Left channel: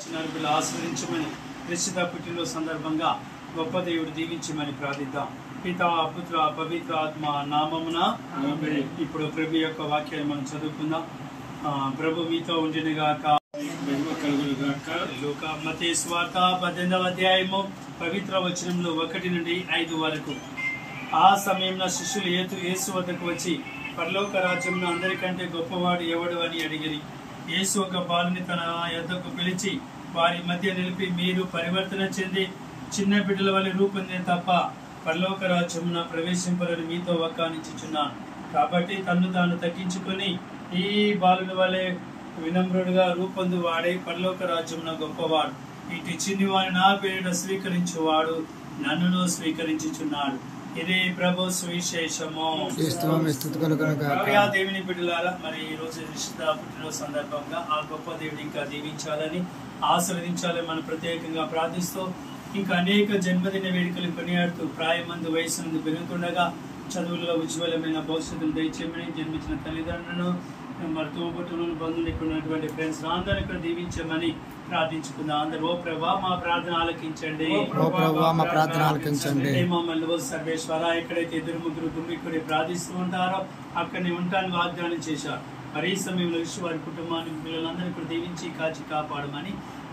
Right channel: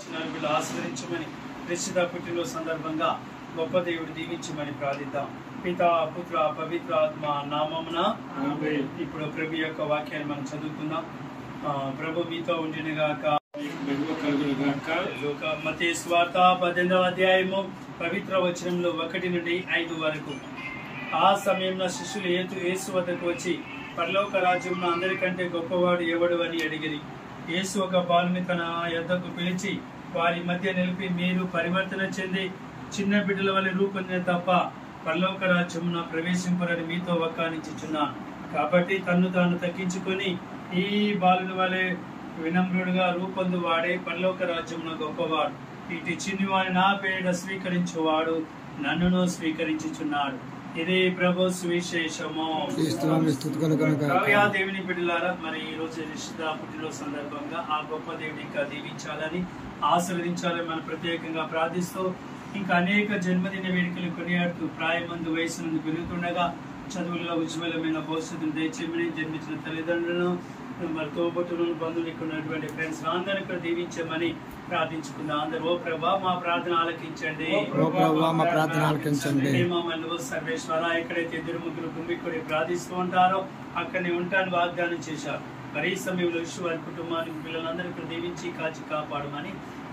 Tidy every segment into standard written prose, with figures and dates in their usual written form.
ఆశీర్వదించమని నిశ్చిత పుట్టినరోజు సందర్భంగా గొప్ప దేవుడు దీవించమని ప్రార్థిద్దాం. పితా పుత్ర పవిత్ర ఆత్మ నామమున ఇప్పుడు ప్రభు యొక్క వాక్యాన్ని మనం చదువుకుందాం. ప్రభు మీతో ఉండినగాక. మత్తయి సువార్త 18వ అధ్యాయము పవిత్ర వచనంలో 1 నుండి 5 వరకు. ఆ సమయంలో శిష్యులు యేసు వద్దకు వచ్చి, పరలోక రాజ్యంలో అందరికంటే గొప్పవాడు ఎవడు అని అడిగిరి. యేసు ఒక బాలుని తన యొద్దకు పిలిచి వారి మధ్య నిలిపి, మీరు పరివర్తన చెంది చిన్న బిడ్డల వలె రూపొందిన తప్ప పరలోక రాజ్యమున ప్రవేశింపరని మీతో వక్కానించుచున్నాను. కాబట్టి తన్ను తాను తగ్గించుకొని ఈ బాలుని వలె వినమ్రుడుగా రూపొందు వాడే పరలోక రాజ్యమున గొప్పవాడు. ఇటు చిన్నివాని నా పేరిట స్వీకరించువాడు నన్నును స్వీకరించుచున్నాడు. ఇదే ప్రభు సువిశేషము. దేవుని బిడ్డలారా, మరి ఈ రోజు నిశ్చిత పుట్టినరోజు సందర్భంగా ఆ గొప్ప దేవుని ఇంకా దీవించాలని ఆశీర్వదించాలని మనం ప్రత్యేకంగా ప్రార్థిస్తూ, ఇంకా అనేక జన్మదిన వేడుకలు కొనియాడుతూ ప్రాయమందు వయసు పెరుగుతుండగా చదువులలో ఉజ్వలమైన భవిష్యత్తును దయచేయమని, జన్మించిన తల్లిదండ్రులను మరి తోబుట్టులను బంధువులు ఉన్నటువంటి ఫ్రెండ్స్ అందరినీ కూడా దీవించమని ప్రార్థించుకుందాం. అందరూ ఓ ప్రభా మా ప్రార్థన ఆలకించండి. సర్వేశ్వర, ఎక్కడైతే 2-3 గుమ్మిక్కుడి ప్రార్థిస్తూ ఉంటారో అక్కడనే ఉంటాను వాగ్దానం చేశారు. మరి ఈ సమయంలో విశ్వ వారి కుటుంబానికి పిల్లలందరినీ కూడా దీవించి కాచి కాపాడమని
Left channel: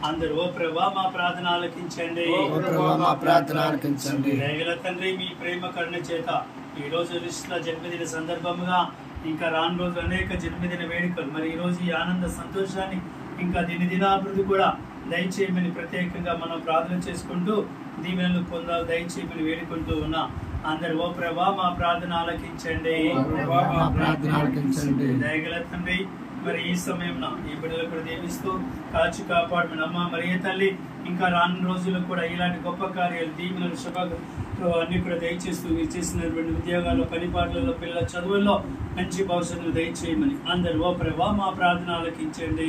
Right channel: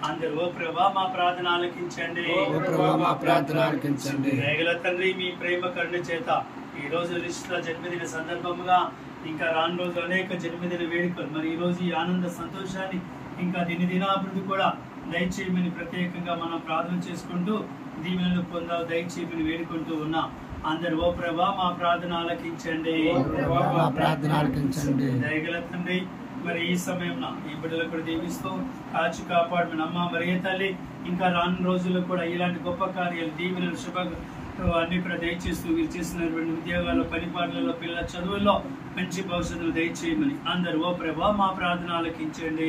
అందరూ ఓ ప్రభా మా ప్రార్థన ఆలకించండి. దయగల తండ్రి, మీ ప్రేమ కరుణ చేత ఈ రోజు నిశ్చిత జన్మదిన సందర్భంగా ఇంకా రాను రోజు అనేక జన్మదిన వేడుకలు, మరి ఈ రోజు ఈ ఆనంద సంతోషాన్ని ఇంకా దినాభివృద్ధి కూడా దయచేయమని ప్రత్యేకంగా మనం ప్రార్థన చేసుకుంటూ దీవెనలు పొందాలి దయచేయమని వేడుకుంటూ ఉన్నా. అందరు ఓ ప్రభా మా ప్రార్థన ఆలకించండి. దయగల తండ్రి, మరి ఈ సమయంలో ఈ బిడ్డలు కూడా దీవిస్తూ కాచి కాపాడమని అమ్మ మరి తల్లి, ఇంకా రాను రోజుల్లో కూడా ఇలాంటి గొప్ప కార్యాలు దీవెనలు శుభ అన్ని కూడా దయచేస్తూ మీరు చేసినటువంటి ఉద్యోగాల్లో, పనిపాట్లలో, పిల్లల చదువుల్లో మంచి భవిష్యత్తును దయచేయమని అందరు ఓ ప్రభా మా ప్రార్థన ఆలకించండి.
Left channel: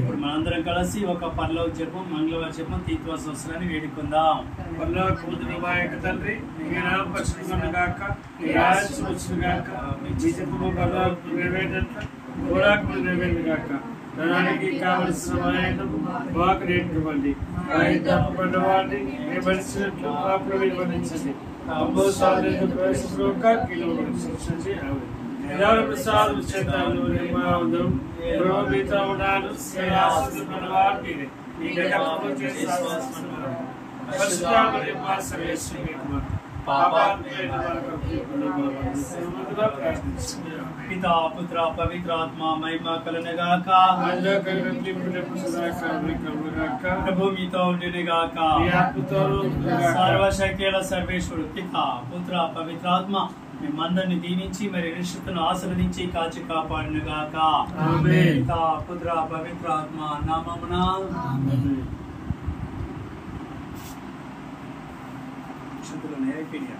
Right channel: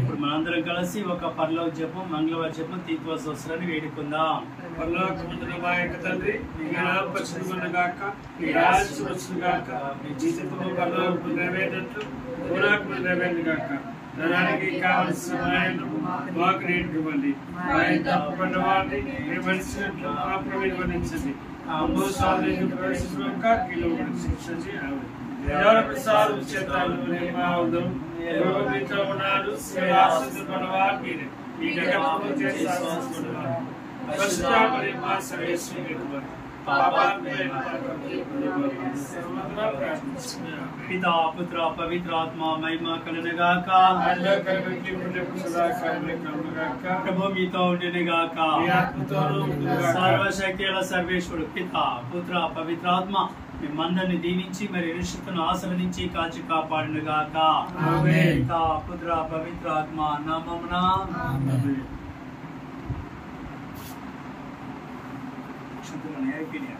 ఇప్పుడు మనందరం కలిసి ఒక పరలోక జపం, మంగళవారం జపం, తీర్థోత్సవాన్ని వేడుకుందాం. తండ్రి, ధనానికి కావలసిన మాకు నేర్చుకోండి, పితా పుత్ర పవిత్ర ఆత్మ మహిమ కలనగాక. ప్రభు మీతో ఉండినగాక. సర్వశక్తుల సర్వేశ్వరుడు పితా పుత్ర పవిత్రాత్మ మిమ్మందరిని దీవించి మరి నిశ్చితను ఆశీర్వదించి కాచి కాపాడినగాక. పితా పుత్ర పవిత్రాత్మ నామమున అయిపోయినా.